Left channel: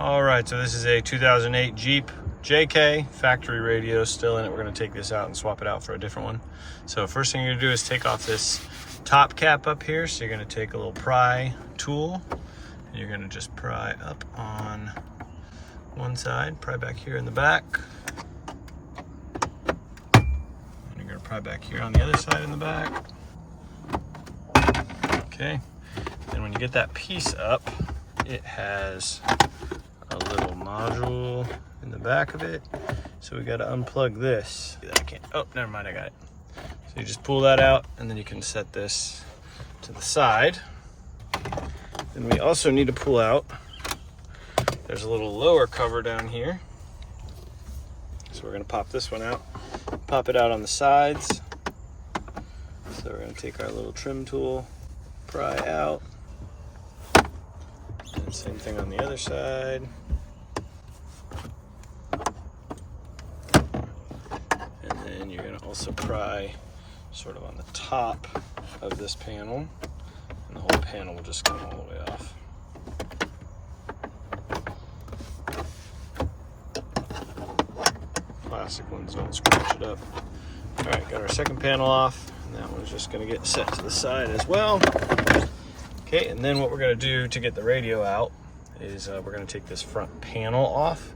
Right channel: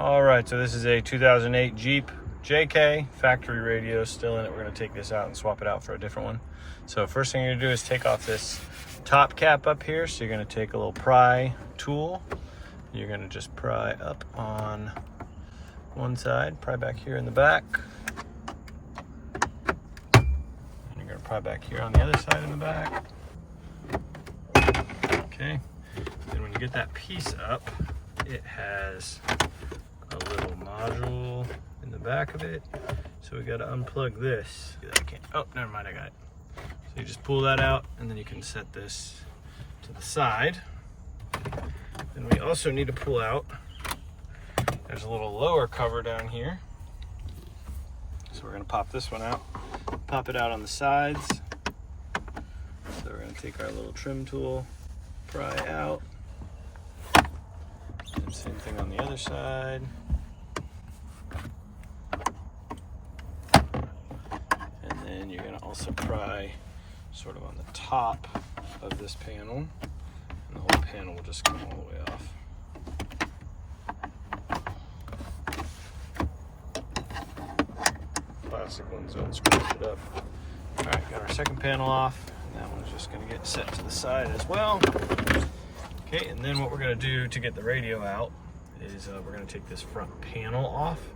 All right, so this is a 2008 Jeep JK, factory radio still in it. We're gonna take this out and swap it out for a different one. So first thing you're gonna do is take off this top cap up here. So you're gonna take a little pry tool. And you're gonna just pry up on one side, pry back here in the back. And you're gonna pry back here on the other side in the back. Okay, and when you get that piece up, it has a little module in the back of it. So we gotta unplug this. I can't, oh, never mind, I got it. So you just pull that out and then you can set this to the side. Then we also need to pull out, there's a little lower cover down here. So we're gonna pop this one out, pop it out on the sides. So we're gonna take our little trim tool, pry out. And same thing on the other side. And then you're gonna also pry sort of on the top of this panel. And the whole panel will just come all the way off. Plastic ones don't scratch it up. All right, got our second panel off, and that one's just gonna get set to the side as well. Okay, and then what we're gonna do to get the radio out is we're gonna take this front panel off.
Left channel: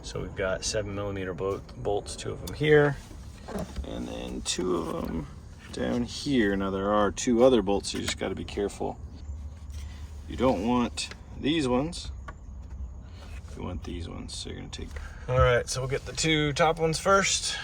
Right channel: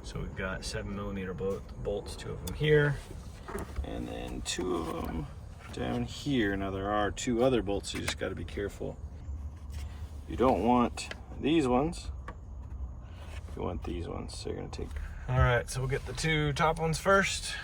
So we've got 7mm bolts, 2 of them here, and then 2 of them down here. Now there are 2 other bolts, so you just gotta be careful. You don't want these ones, you want these ones, so you're gonna take. All right, so we'll get the 2 top ones first.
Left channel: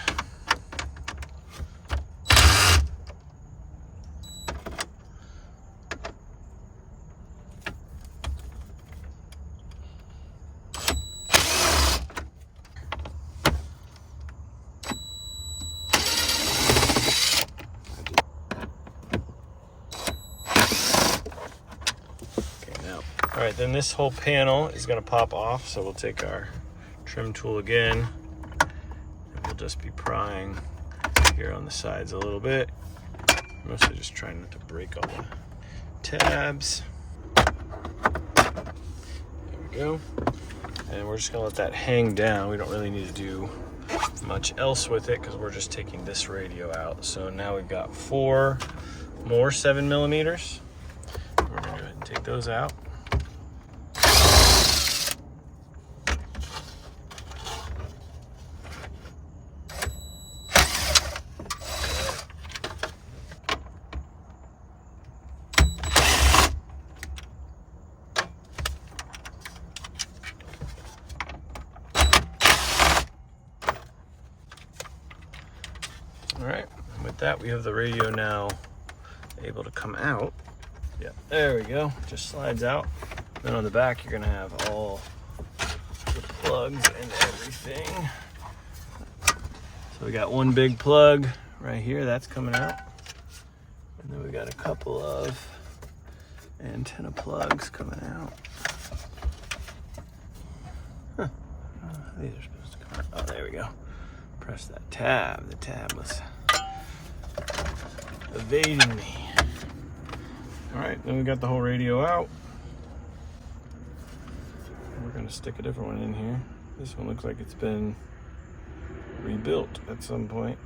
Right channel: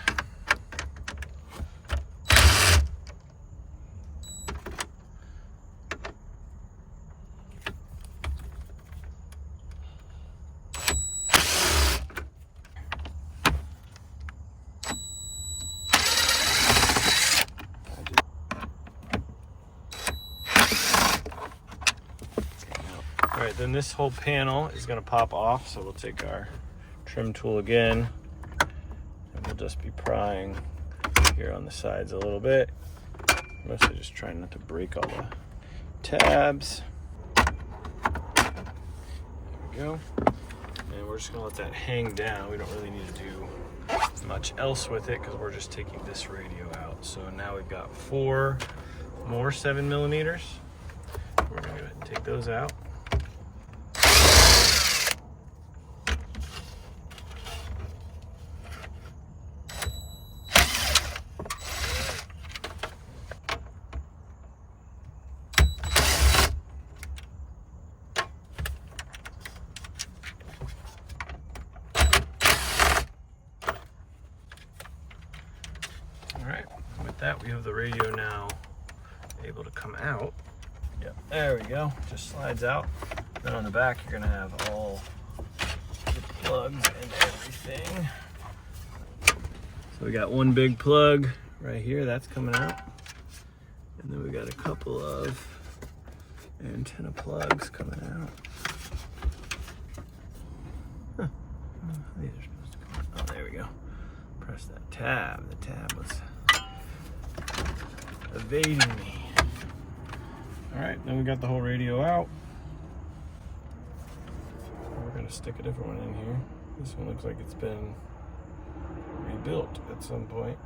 All right, then this whole panel is gonna pop off, so we'll take our trim tool again, and we'll just be prying here on the sides a little bit. Mostly just trying not to break all the tabs. There we go. And we're just gonna let that hang down. We don't really need to do much else with it because we're just taking this radio out. So now we've got 4 more 7mm. We're gonna go ahead and take those out. All right, with that, we have the radio now able to come out. Yep, there we go, just slides out. Then on the back, you're gonna have all the plugs and everything. So we got one big plug right here, that's coming out. And then we got a couple of antenna plugs coming out. Huh. These are supposed to come out. Oh, there we go. Press that tab. The tab was evading me. All right, then we got the whole radio out. We're gonna stick a different one in here. This one looks like it's been rebuilt at some point.